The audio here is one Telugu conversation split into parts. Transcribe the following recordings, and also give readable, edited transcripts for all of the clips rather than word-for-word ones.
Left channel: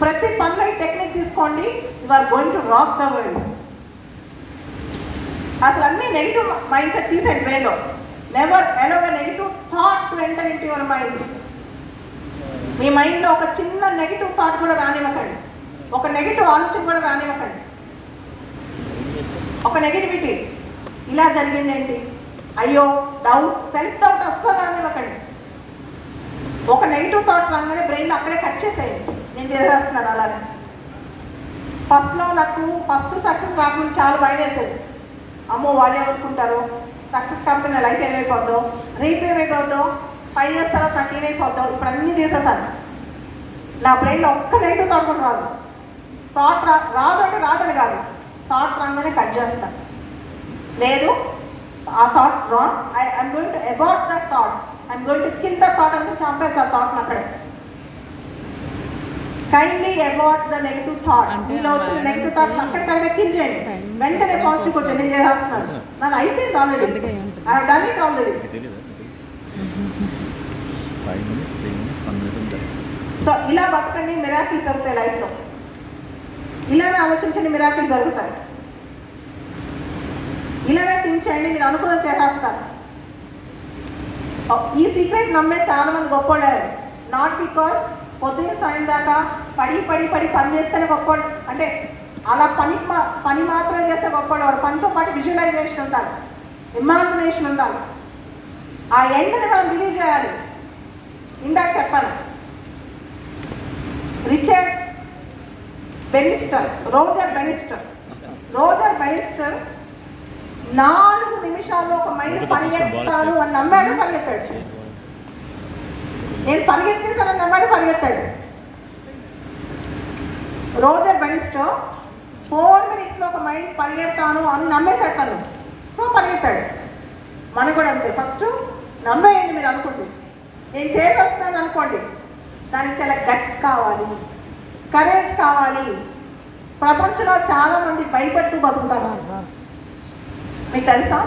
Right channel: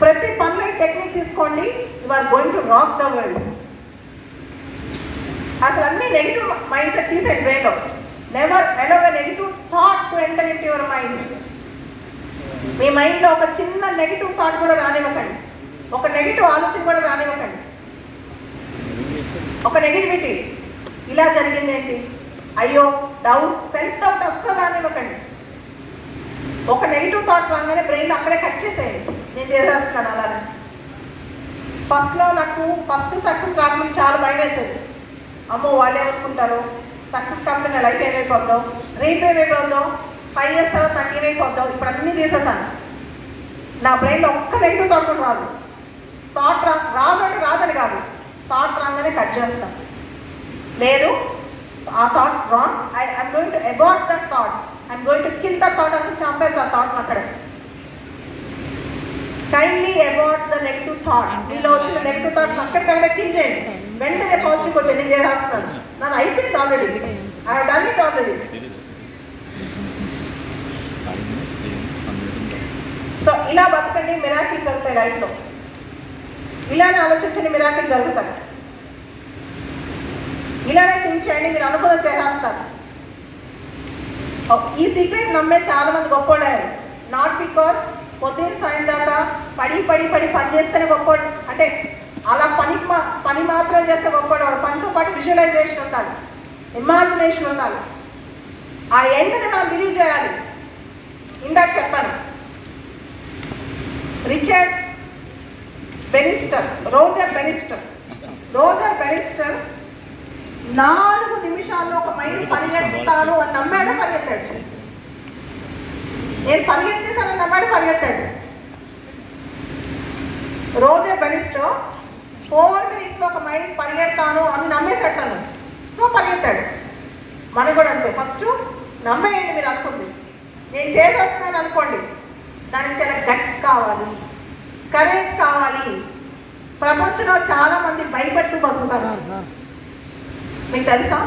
ప్రతి పనిలో ఈ టెక్నిక్ తీసుకోండి, you are going to rock the world. అసలు అన్ని నెగిటివ్ మైండ్ సెట్ తీసేది వేలో. Never allow a negative thought to enter into your mind. మీ మైండ్లో ఒక చిన్న నెగిటివ్ థాట్ కూడా రానివ్వకండి, ఒక నెగిటివ్ ఆలోచన కూడా రానివ్వకండి. ఒక నెగిటివిటీ ఇలా జరిగింది ఏంటి, అయ్యో డౌట్, సెల్ఫ్ డౌట్ అస్సలు రానివ్వకండి. ఒక నెగిటివ్ థాట్ రాగానే బ్రెయిన్లో అక్కడే కట్ చేసేయండి, నేను చేసేస్తున్నాను అలానే. ఫస్ట్లో నాకు సక్సెస్ రాకుండా చాలా భయం వేసేది. అమ్మో వాళ్ళు ఏమనుకుంటారో, సక్సెస్ కాకపోతే లైఫ్ ఏమైపోద్దో, రేపు ఏమైపోద్దో, 5 years తర్వాత నాకు ఏమైపోద్దో. ఇప్పుడు అన్నీ చేసేసాను. నా బ్రెయిన్లో ఒక్క నెగిటివ్ థాట్ కూడా రాదు. థాట్ రాదని కాదు, థాట్ రాగానే కట్ చేస్తాను. లేదు ఆ thought wrong, I'm going to abort that thought, I'm going to kill the thought అని చంపేసి ఆ థాట్ని అక్కడ. Kindly abort the negative thought. మీలో వచ్చిన నెగిటివ్ థాట్స్ అక్కడికైనా కిల్ చేయండి, వెంటనే పాజిటివ్ వచ్చి నేను చేస్తున్నాను, నాకు అయిపోయింది already, done it already. So ఇలా బతకండి, మిరాకిల్ జరుగుతాయి లైఫ్లో. ఇలానే ఆలోచించండి, మిరాకిల్ జరుగుతాయి. ఇలానే థింక్ చేయండి, మీరు అనుకున్న చేసేస్తారు. ఈ సీక్రెట్ నమ్మే చాలా మంది గొప్పవాడారు. నాట్ బికాస్ పొద్దున్న సాయం దాకా పని చేస్తేనే గొప్పవాడు, అంటే అలా పని మాత్రం చేస్తే గొప్పవాడు. పనితో పాటు విజువలైజేషన్ ఉండాలి, ఇమాజినేషన్ ఉండాలి. ఆ ఎండ్ని మనం బిలీవ్ చేయాలి. ఇందాక చెప్పాను, రోజర్ బెనిస్టర్ 4 నిమిషాల్లో ఒక మైండ్ పరిగెత్తాను అని నమ్మాడు, పరిగెత్తాడు. నేను పరిగెత్తేసానని నమ్మాడు, పరిగెత్తాడు. రోజర్ బెనిస్టర్ 4 minutes ఒక మైండ్ పరిగెత్తాను అని నమ్మేసేటాను, సో పరిగెత్తాడు. మనకు కూడా అంతే, ఫస్ట్ నమ్మేయండి. మీరు అనుకుంటుంది నేను చేసేస్తాను అనుకోండి, దానికి చాలా గట్స్ కావాలి, కరేజ్ కావాలి. ప్రపంచంలో చాలా మంది భయపెట్టు బతుకుతారు. మీకు తెలుసా,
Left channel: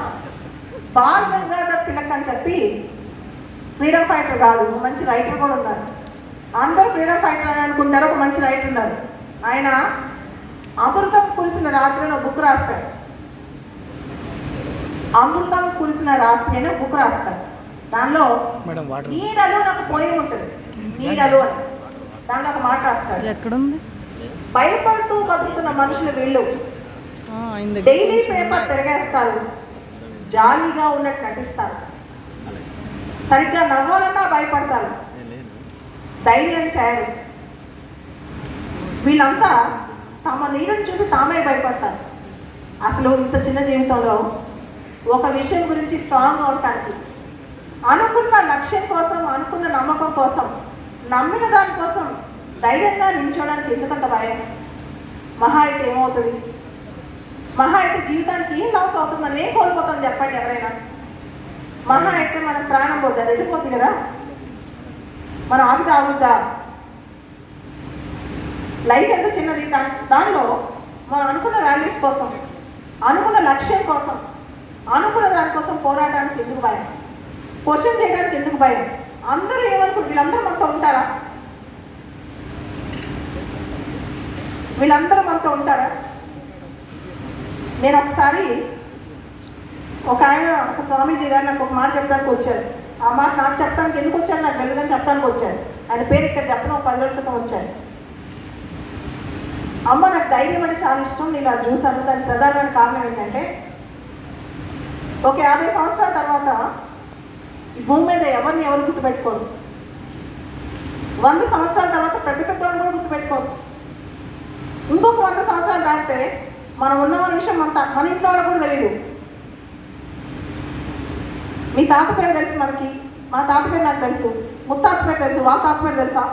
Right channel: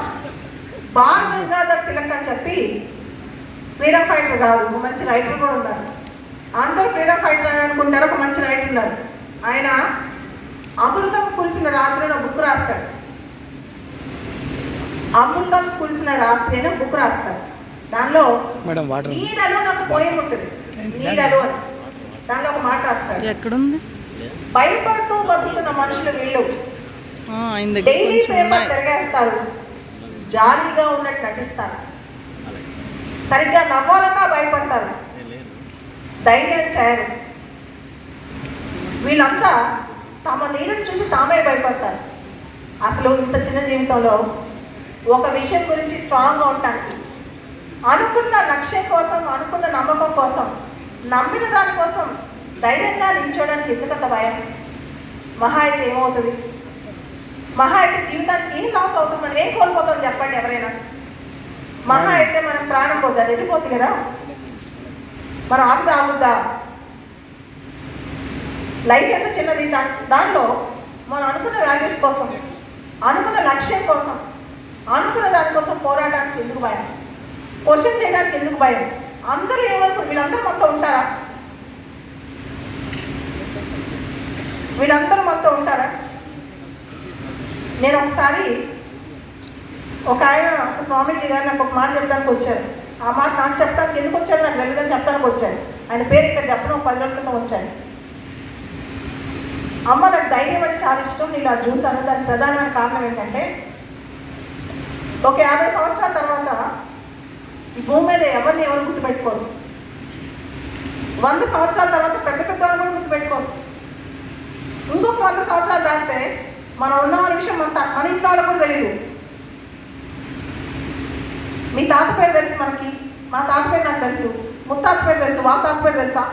బాల్ గంగాధర్ తిలక్ అని చెప్పి ఫ్రీడమ్ ఫైటర్ కాదు, ఒక మంచి రైటర్ కూడా ఉన్నారు. అందరూ ఫ్రీడమ్ ఫైటర్ అని అనుకుంటారు, ఒక మంచి రైటర్ ఉన్నారు. ఆయన అమృతం కురిసిన రాత్రి అని బుక్ రాస్తాడు. అమృతం కురిసిన రాత్రి అని బుక్ రాస్తాడు. దానిలో నీడలు నాకు పోయి ఉంటుంది, నీడలు అని దానిలో ఒక మాట రాస్తాడు. ఎక్కడుంది? భయపడుతూ బతుకుతున్న మనుషులు వీళ్ళు డైలీ పేపర్ తిరగేస్తారు, జాలీగా ఉన్నట్టు నటిస్తారు, సరిగ్గా నవ్వాలన్నా భయపడతారు, ధైర్యం చేయరు. వీళ్ళంతా తమ నీడని చూసి తామే భయపడతారు. అసలు ఇంత చిన్న జీవితంలో ఒక విషయం గురించి స్ట్రాంగ్గా ఉండటానికి, అనుకున్న లక్ష్యం కోసం, అనుకున్న నమ్మకం కోసం, నమ్మిన దానికోసం ధైర్యంగా నిల్చోడానికి ఎందుకంత భయం? మహా అయితే ఏమవుతుంది? మహా అయితే జీవితానికి ఏం లాస్ అవుతుంది? మనం ఏం కోల్పోతాం చెప్పండి ఎవరైనా? మహా అయితే మనం ప్రాణం పోతుంది, వెళ్ళిపోతుంది కదా, మన ఆవిడ ఆగుద్దా? లైఫ్ ఎంత చిన్నది, దానిలో మనం అనుకున్న వాల్యూస్ కోసం, అనుకున్న లక్ష్యం కోసం, అనుకున్న దానికోసం పోరాటానికి ఎందుకు భయం? క్వశ్చన్ చేయడానికి ఎందుకు భయం? అందరూ ఏమనుకుంటారు? వీళ్ళందరూ మనతో ఉంటారా? వీళ్ళందరూ మనతో ఉంటారా? నేను ఒకసారి ఒక స్వామీజీ గారు నాకు ఒక మాట చెప్పడానికి వచ్చారు. ఆ మాట నాకు చెప్పడానికి ఎందుకు వచ్చారు నాకు వెళ్ళదని చెప్పడానికి వచ్చారు. ఆయన పేరు ఇక్కడ చెప్పడం 10 ఏళ్ల క్రితం వచ్చాను. అమ్మ నాకు ధైర్యం అంటే చాలా ఇష్టం, నేను అది చూసాను. దానికి ప్రధానమైన కారణం ఏంటంటే, ఒక 50 సంవత్సరాల తర్వాత ఈ భూమి మీద ఎవరు గుర్తుపెట్టుకోరు. 100 సంవత్సరాల తర్వాత పెద్ద కూడా గుర్తుపెట్టుకోరు. ఇంకొక 100 సంవత్సరాలు దాటితే మనం ఉన్న విషయం మన ఇంట్లో వాళ్ళకు కూడా తెలియదు. మీ తాత పేరు తెలుసు మనకి, మా తాత పేరు నాకు తెలుసు, ముత్తాత పేరు తెలుసు, మా తాత పేరు తెలుసా?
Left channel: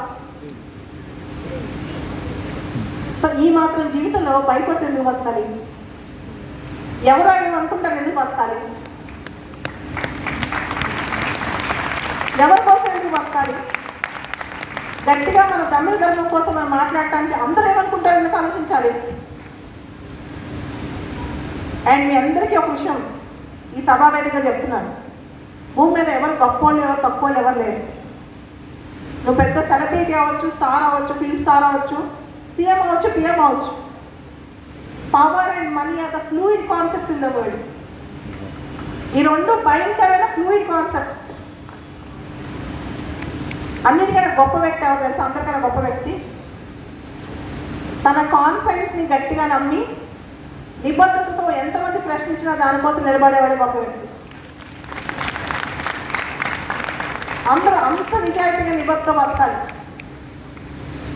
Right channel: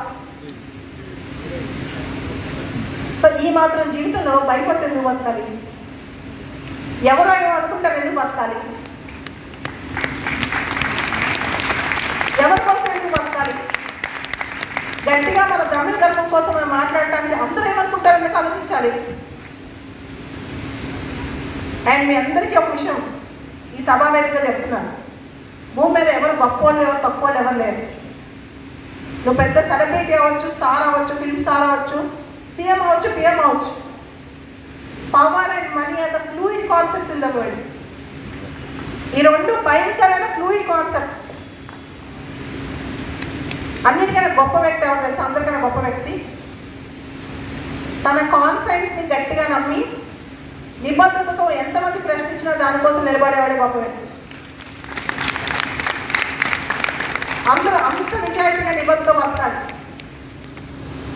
సో ఈ మాత్రం జీవితంలో భయపడి ఎందుకు బతకాలి? ఎవరైనా అనుకుంటారు ఎందుకు బతకాలి? ఎవరి కోసం ఎందుకు బతకాలి? గట్టిగా మన తమిళ ధర్మం కోసం మనం మాట్లాడటానికి అందరూ ఏమనుకుంటారు ఎందుకు ఆలోచించాలి. అండ్ మీ అందరికీ ఒక విషయం ఈ సభా వేదికగా చెప్తున్నాను, భూమి మీద ఎవరు గొప్పోళ్ళు ఎవరు తక్కువోళ్ళు ఎవరు లేరు. నువ్వు పెద్ద సెలబ్రిటీ అవ్వచ్చు, స్టార్ అవ్వచ్చు, ఫిల్మ్ స్టార్ అవ్వచ్చు, సీఎం అవచ్చు, పిఎం అవచ్చు. Power and money are the fluid concepts in the world. ఈ రెండు భయంకరమైన ఫ్లూయిడ్ కాన్సెప్ట్స్. అన్నిటికన్నా గొప్ప వ్యక్తి ఎవరు తెలుసు? అందరికన్నా గొప్ప వ్యక్తి తన కాన్సెప్ట్స్ని గట్టిగా నమ్మి నిబద్ధతతో ఎంతమంది ప్రశ్నించినా దానికోసం నిలబడేవాడే గొప్ప వ్యక్తి. అందరూ అంత నిజాయితీగా నిబద్ధత వస్తాడు.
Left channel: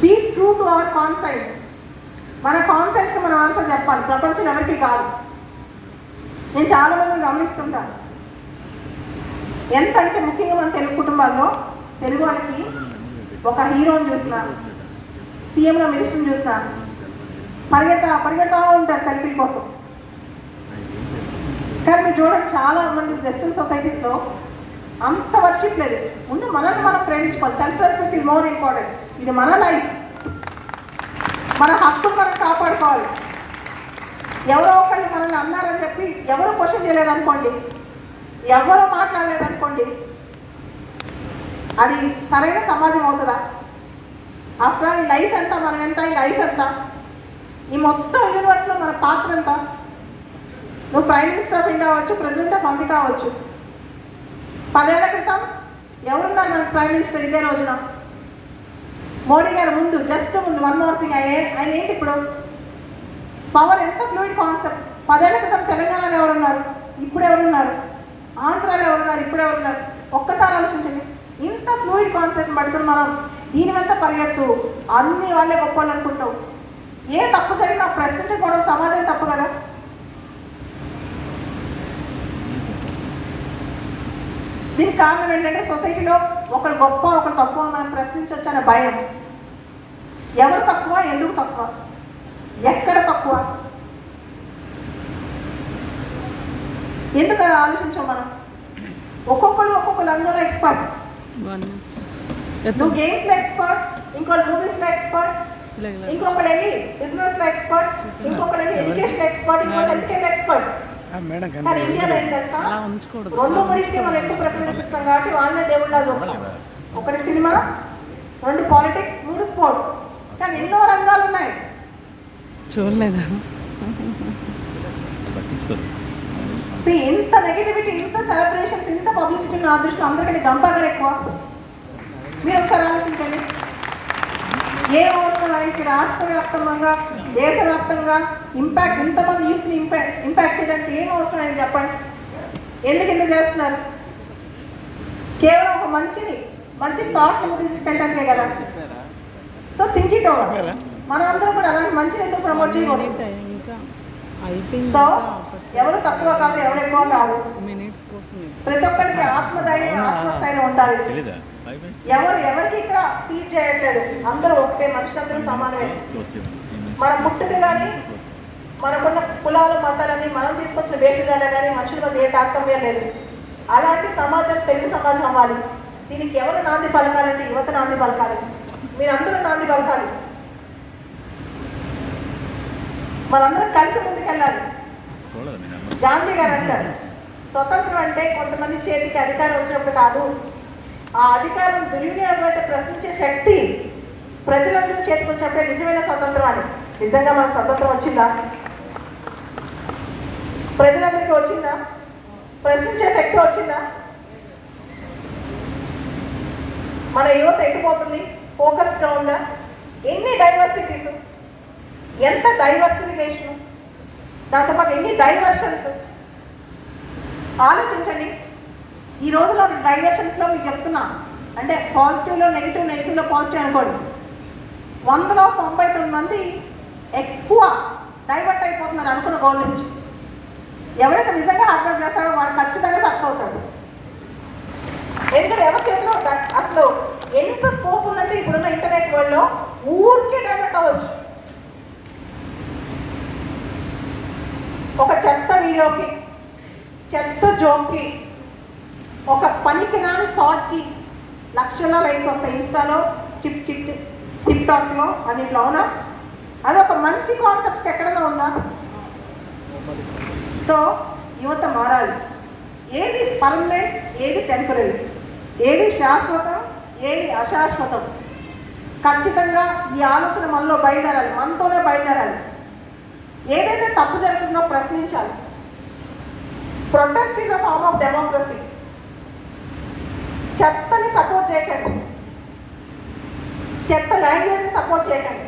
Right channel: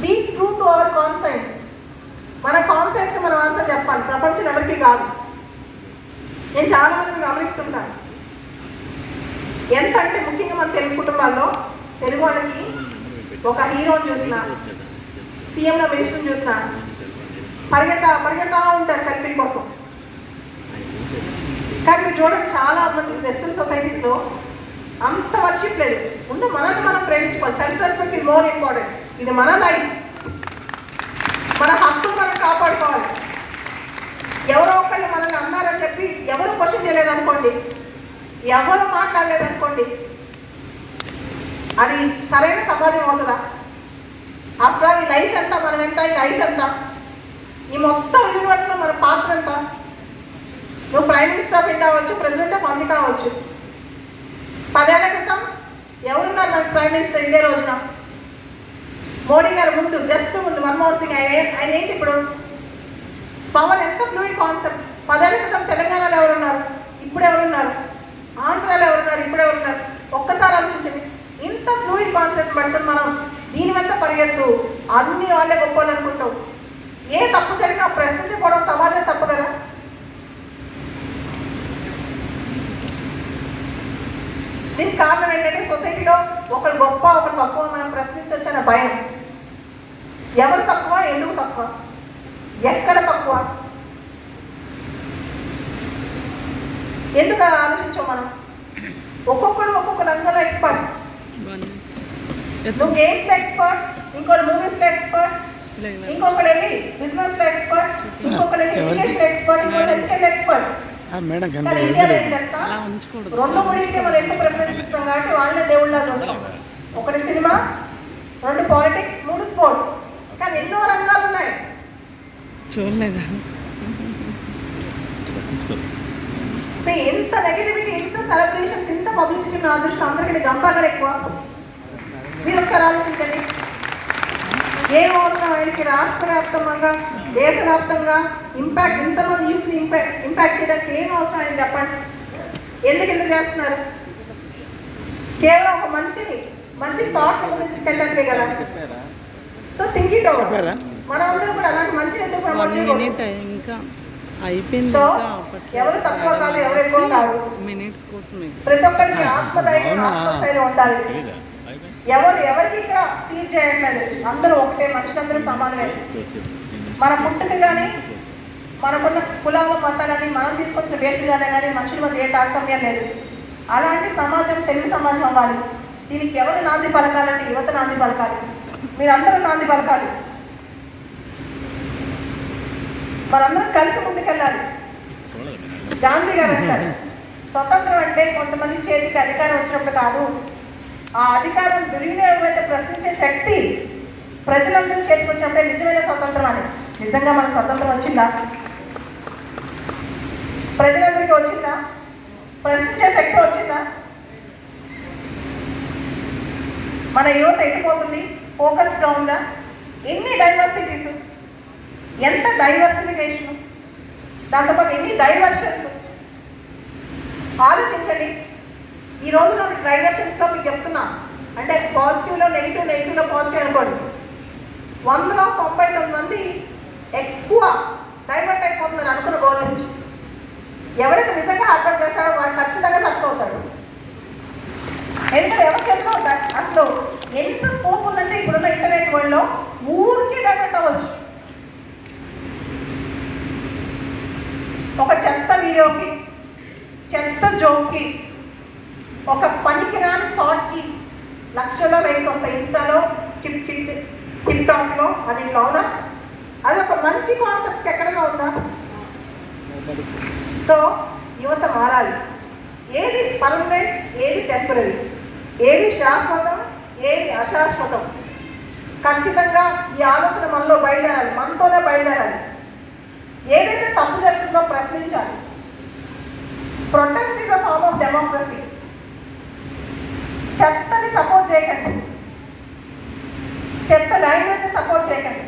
Be true to our concepts. మన కాన్సెప్ట్స్ మనం ఆన్సర్ చెప్పాలి, ప్రపంచం ఎవరికి కాదు. నేను చాలా మంది గమనిస్తుంటాను. ఎంత అంటే ముఖ్యంగా మన తెలుగు కుటుంబాల్లో తెలుగు వాళ్ళకి ఒక హీరోని చూసిన, సీఎంలో మినిస్టర్ని చూసిన పరిగెత్తా ఉంటారు సెల్ఫీ కోసం. కానీ మీరు చూడండి, చాలా మంది వెస్టర్న్ సొసైటీస్లో అంత వర్షిప్ లేదు. ముందు మనల్ని మనం ప్రేమించుకోవాలి. Self respect is more important. ఇది మన లైఫ్, మన హక్కు మనం కాపాడుకోవాలి. ఎవరో ఒకళ్ళు మనల్ని అన్నారని చెప్పి ఎవరో క్వశ్చన్ చేయలేదు అనుకోండి, ఎవరో మాట్లాడలేదు అనుకోండి, అది సరైన సమాజం అవుతుందా? అప్పుడు ఈ లైఫ్ ఎంత, మనం ఎంత, ఈ లైఫ్ ఎంత, ఈ మొత్తం యూనివర్స్లో మన పాత్ర ఎంత? నువ్వు ప్రైమ్ మినిస్టర్ ఆఫ్ ఇండియా అవ్వచ్చు, ప్రెసిడెంట్ ఆఫ్ అమెరికా అవ్వచ్చు. 10 ఏళ్ల క్రితం ఎవరున్నారు మన ప్రైమ్ మినిస్టర్? ఇదే రోజున మోడీ గారు ముందు, జస్ట్ ముందు మన్మోహన్ సింగ్. ఆయన ఏంటి ఇప్పుడు? పవర్ ఎంత ఫ్లూయిడ్ కాన్సెప్ట్. 10 ఏళ్ల క్రితం తెలంగాణలో ఎవరున్నారు, ఇప్పుడు ఎవరున్నారు? ఆంధ్రాలో ఎవరున్నారు, ఇప్పుడు ఎవరున్నారు? ఒక్కసారి ఆలోచించండి. ఇంత ఫ్లూయిడ్ కాన్సెప్ట్ పడుతుంది మనం. దీని మీద పరిగెత్తు, అన్ని వాళ్ళే గొప్పలు అనుకుంటాం. ఏ తప్పు జరిగినా ప్రశ్నించకపోవడం సమాజం తప్పు కదా. దీనికి కారణం ఏంటంటే సొసైటీలో ఒకరు గొప్ప, ఒకరు తక్కువ మనం ప్రశ్నించొచ్చనే భయం. ఎవరు తక్కువ, ఎందుకు తక్కువ, ఎక్కడ తక్కువ, ఎందుకు ఆలోచించాం మనం? ఒక్కొక్కరు అందరూ ఎక్స్పర్ట్. నువ్వు గేమ్స్లో ఎక్స్పర్ట్, ఇంకోటి మూవీస్లో ఎక్స్పర్ట్, ఇంకొకటి వెళ్ళి బిజినెస్లో ఎక్స్పర్ట్, ఇంకొకటి వెళ్ళి ఇంగ్లీష్లో ఎక్స్పర్ట్, ఇంకొకటి ఎడ్యుకేషన్ ఎక్స్పర్ట్. కానీ ఇండియాలో ఏం చేస్తా, రెండు గురించి మనం ఎక్కువ ప్రిఫరెన్స్ ఇస్తాం కాబట్టి వాళ్ళనే దేవుళ్ళ చూస్తాం. ఒకటి సినిమా, 2 పాలిటిక్స్, 3 స్పోర్ట్స్. కానీ ఎన్నో రంగాలు ఉన్నాయి. చూడలేదా? ఇంత నెగిటివిటీ, ఇంత సెలబ్రేషన్స్, ఇంత పబ్లిసిటీ మన అదృష్టం. అందరికీ గంపాగా ఎక్కువ. మీరు ఒకసారి ఆలోచించండి. ఏ అవసరం ఆయనకి రాష్ట్ర వ్యాప్తంగా, దేశవ్యాప్తంగా ఇంపాక్ట్, ఇంతమంది యూత్ని ఇంపాక్ట్ చేయడానికి ఏం అవసరం అని చెప్పండి. ఎందుకు చేస్తున్నారు? కేవలం ఒక మంచి థాట్ తీసుకెళ్ళడానికే కదా. So think it over. మనందరం కూడా అలాంటి మంచి ఎందుకు ప్రమోట్ చేయకూడదు? సో ఎవరు తక్కువ కాదు, ఎవరు ఎక్కువ కాదు. ప్రతి ఒక్కరికి ఆత్మధైర్యం, ఆత్మస్థైర్యం ఉండాలి. ఎవరికి ఇక్కడ ఫీల్ చేయట్లేదు. అందరూ ఒకటే, మనుషులందరూ సమానమే. మన పుట్టుక కానీ, మనకున్న కులాలు, మతాలని, మనం తీసుకొచ్చిన వేషగానే కానీ మనుషుల మధ్య ఏ తారతమ్యం లేదు. అలాంటి సమాజం తెలుగు సమాజం అవ్వాలి. దీనికి ఎవరు నాంది పలకాలంటే యువత నాంది పలకాలి. మీరందరూ నాంది పలకాలి. మనందరం కలిసి ముందుకెళ్ళాలి. గాంధీ గారు అంటారు, స్వతంత్రం అంటే కొంతమంది చేతికి అధికారం వచ్చినప్పుడు కాదు, ఆ అధికారం దుర్వినియోగం అయితే ప్రశ్నించే శక్తి ప్రజలందరూ చేతికి వచ్చినప్పుడే నిజమైన స్వతంత్రం అని. నిజంగా మనకు స్వతంత్రం వచ్చిందా? ప్రజలందరికీ వచ్చిందా? ప్రశ్నించే శక్తి వచ్చిందా? మన యువత ఎక్కిపోతుంది, ఫోకస్గా ఉందా? ఎన్ని డైవర్సిటీస్, ఎంత డైవర్సిఫికేషన్, దాంతోపాటు ఎన్ని డైవర్షన్స్. ఆలోచించండి. ఈ రోజులో డైవర్షన్స్లో మీకు చెప్తున్నా, అంటే పాజిటివ్లో నెగిటివ్, నెగిటివ్లో పాజిటివ్ అనుకోండి. 100లో 99 మంది ఎక్కువ డైవర్ట్ అయిపోతున్నారు అనుకున్న గోల్ నుంచి. ఎవరైతే నిజంగా హార్డ్ చేస్తారో వాళ్ళు ఖచ్చితంగా సక్సెస్ అవుతారు. ఎందుకంటే ఎవరు చేతిలో అసలు ఎంత స్కోప్ ఉందంటే ఇప్పుడున్న ఇంటర్నెట్ వరల్డ్లో ఊరికే డైవర్ట్ అవ్వచ్చు. ఒక చెత్త వీడియోకి, చెత్త జోక్కి, ఒక పనికిరాని థాట్కి లక్షల లైక్స్ వస్తాయి. ఇన్స్టాలో, టిక్ టాక్లో, అన్నింటిలో. అవునా? అది ఒక మంచి కాన్సెప్ట్ ఎక్కడైనా ఉందా? సో యువత మారాలి. ఏది పర్మనెంట్, ఏది టెంపరీ, ఏది శాశ్వతం, ఏది అశాశ్వతం. ఖచ్చితంగా ఈ ఆలోచన మనలో బయలుదేరాలి, మనతోనే బయలుదేరాలి. ఏదైతే తప్పు జరుగుతుందో ప్రశ్నించాలి. Protest is a form of democracy. చెత్తని సపోర్ట్ చేయకండి, చెత్త లాంగ్వేజ్ సపోర్ట్ చేయకండి,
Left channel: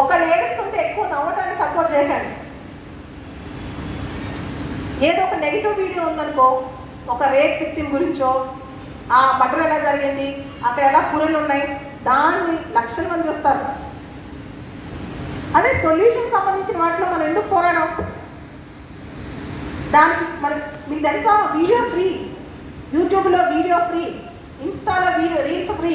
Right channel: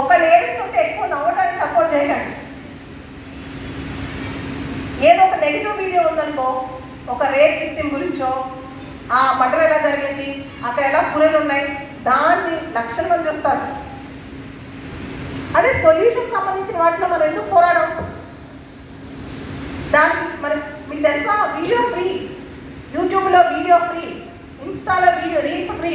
ఒకరు ఏడుస్తుంటే ఎక్కువ నవ్వటానికి సపోర్ట్ చేయకండి. ఏదో ఒక నెగిటివ్ వీడియో ఉందనుకో, ఒక రేప్ విక్టిమ్ గురించో, ఆ మర్డర్ ఎలా జరిగింది, అక్కడ ఎలా పురులు ఉన్నాయి, దాన్ని లక్షల మంది చూస్తారు. అదే సొల్యూషన్ సంబంధించిన వాటిలో మనం ఎందుకు పోరాడం? దానికి మరి మీకు తెలుసా, వీడియో ఫ్రీ, యూట్యూబ్లో వీడియో ఫ్రీ, ఇన్స్టాలో వీడియో రీల్స్ ఫ్రీ.